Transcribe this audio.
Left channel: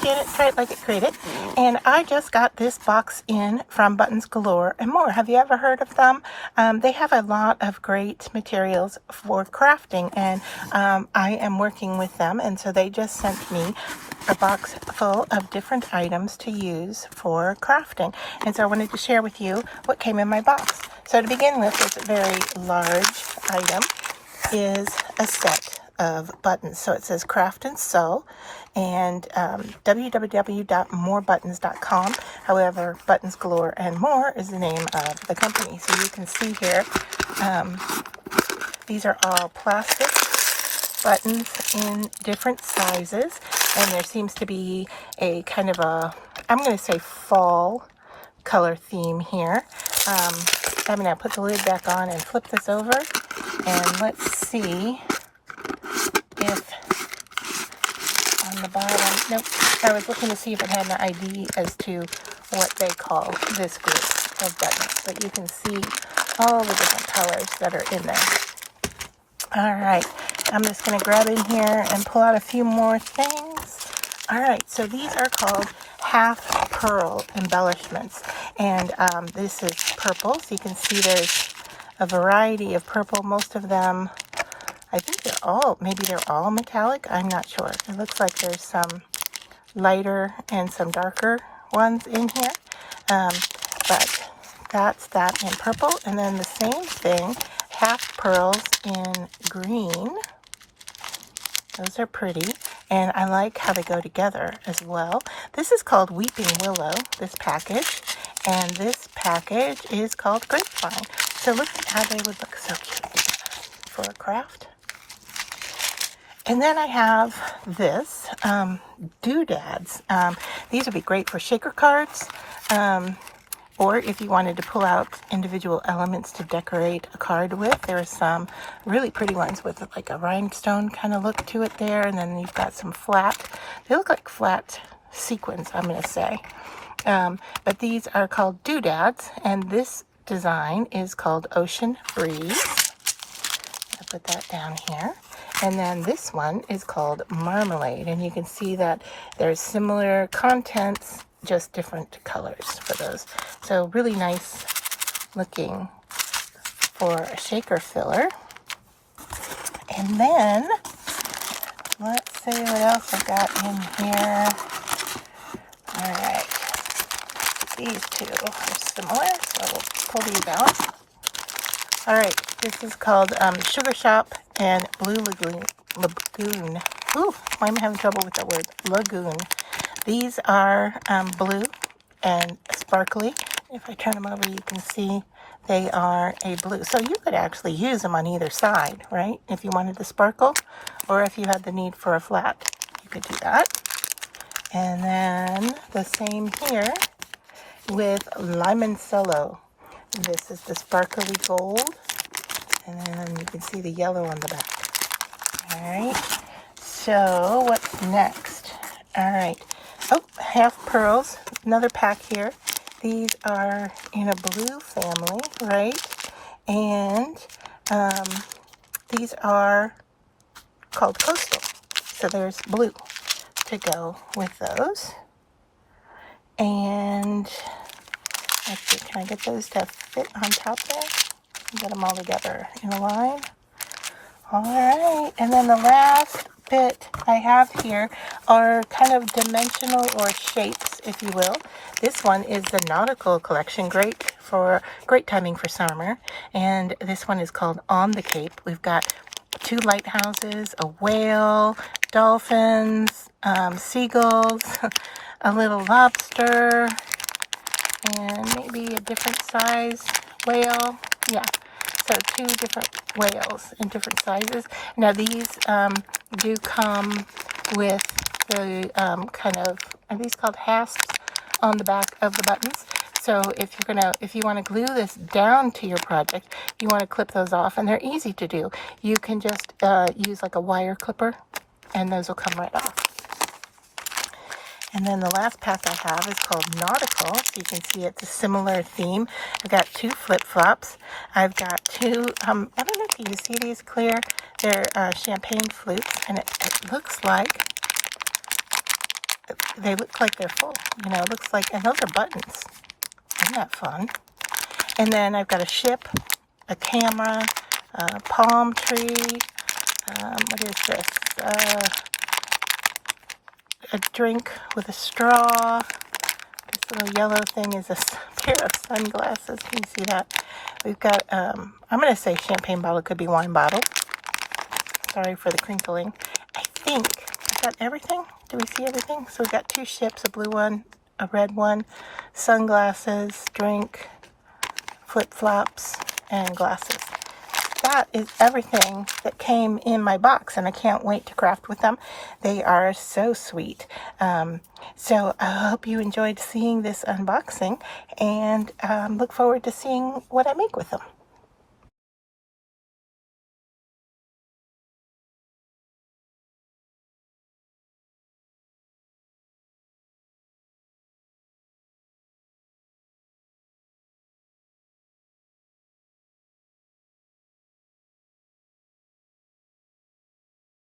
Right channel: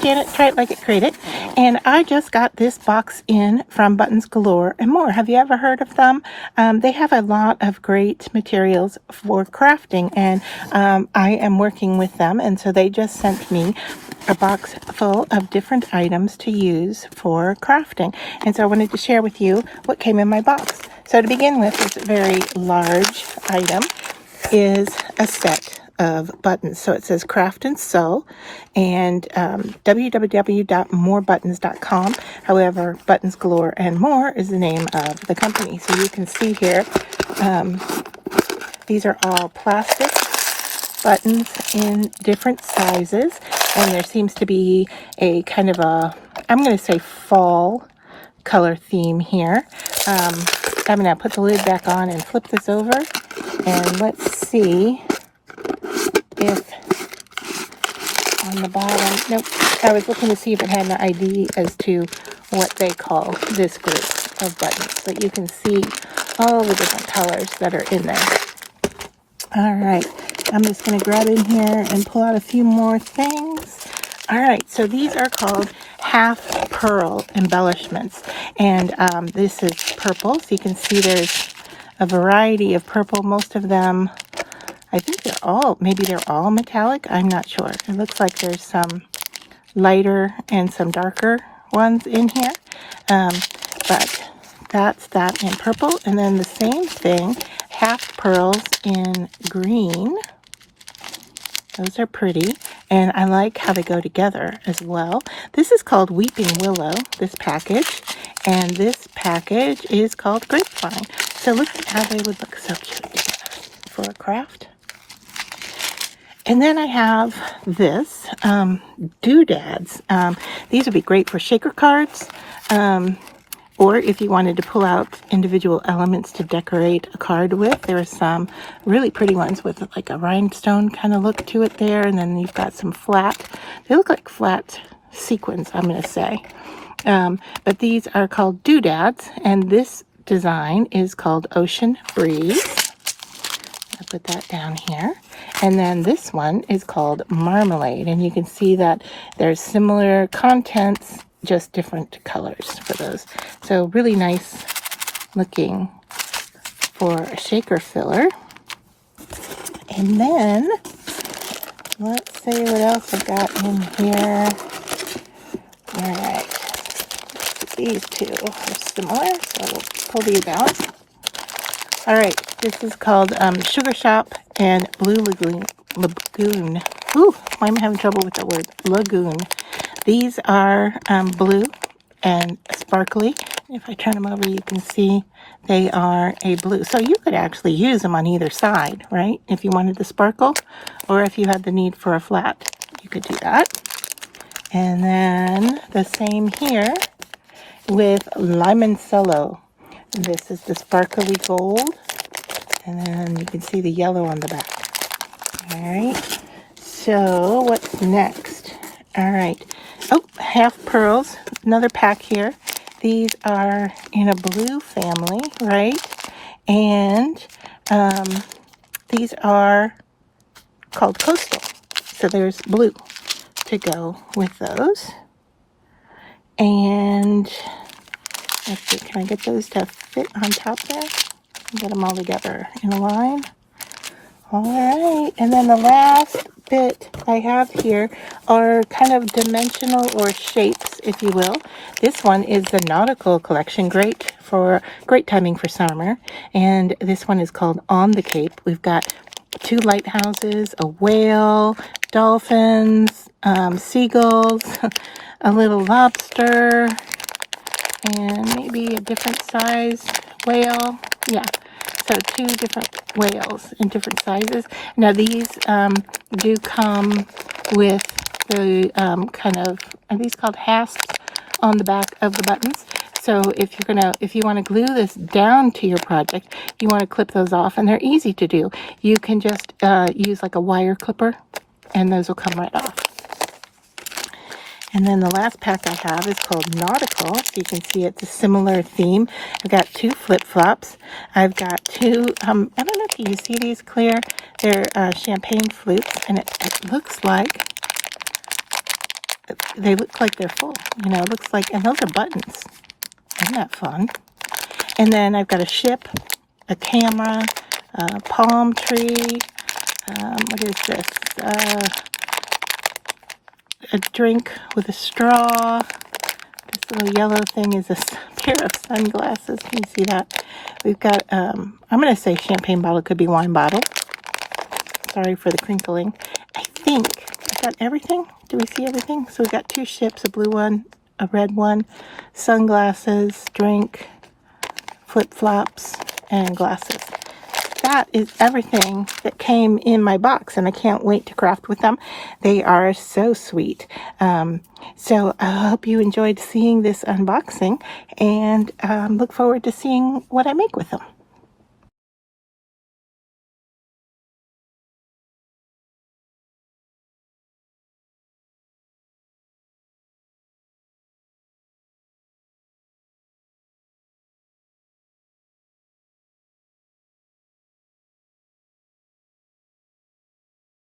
get it, try it like it, create it. And I just got this box in from Buttons Galore and More. Have you ever heard of them? They have a lot of great materials for crafting, and I am working with them, and so they just sent me a box full of different items to use for crafting. And so I wanted to share with you what came in my box. So to begin with, this very large item is a set of buttons. So it says craft and sew, and www.morebuttons.com. However, Buttons Galore and More is the name of the company. So you can see here, these are all plastic buttons in different sizes, and there seems to be a kind of a, I'm going to say fall color theme here. I'm going to put the lid back on and flip this over, and let's see if on the bottom, nope, I was looking to see if it had an ID as to what they call this group of buttons, but you can see all the different colors that are in there. All right, I'm just going to grab in here and pull out a few more things. All right, so these are called half pearl embellishments, and this is purple, so you can see there's a variety of purple. Most of them, I think they're all, maybe they're all metallic, I'm not sure. It looks like there's some lighter and some darker ones in here, but that's that in purple. And then the same thing, half pearls in green. Those are pretty, and I like how they go together as well. This is called Weeping Willow, this package, and this package is called Grapevine. So look at how they would look so cute for a craft. And then I have this, doodads. These would be great for shaker cards, or if you wanted to pull out individual elements to decorate a card with. There are some really pretty ones with like a rhinestone kind of look to it there, and then you've got some flat, they look like flat sequins, I'm going to say. But these are called doodads, and this design is called Ocean Breeze. I'll put that down here. And then this one is called Marmalade, and you can see that there's similar contents, just different colors for those. So really nice looking for a shaker filler. And then let's see what else I got in here. All right, these two are similar, so let's pull these out. All right, this is called Sugar Shop and Blue Lagoon. Ooh, why am I having trouble with that word? Lagoon. These are blue and sparkly. If I turn them over, you can see they are a blue. So you could actually use them on either side, right? If you wanted to sparkle, or if you had the need for a flat, you could do that. And then the same here with Limoncello. This is the sparkly gold, and then you can see the yellow on the back. All right, so what's next? All right, oh, half pearls, another pack here. These are in a blue family, right? And these are called Coastal. So there's blue to go with those. And let's see, can I get those to fit on top there? Get them all together in a line. All right, and then the last bit I have here are kind of dimensional or shapes, if you will. This one is the Nautical Collection, great timing for summer. And this one is called On the Cape. We've got two lighthouses, a whale, dolphins, seagulls, a little lobster, and maybe a different size whale. Yeah, so two different whales in different sizes. Now these do come with the kind of, are these called hasps on the back of the buttons? So if you want to glue this down to your project, you want to clip those off, and they're easy to do. You can just use like a wire clipper, and those will come right off. And then the last pack I have is called Nautical. So you can see it's a similar theme. I've got two flip-flops. I've got two, I don't know if you can see these clear. They're champagne flutes, and it looks like they look like they're full. You know, it looks like, and those are buttons. Isn't that fun? And then I've got a ship, a camera, a palm tree. What is this? A drink with a straw. This little yellow thing is a pair of sunglasses. Can you see that? We've got, I'm going to say champagne bottle. Could be wine bottle. Sorry for the crinkling. I think I got everything. Do we see everything? So we've got two ships, a blue one, a red one, sunglasses, drink, flip-flops, and glasses. That is everything that came in my box, and I can't wait to craft with them. They are so sweet. So I hope you enjoyed seeing this unboxing, and look forward to seeing what I make with them.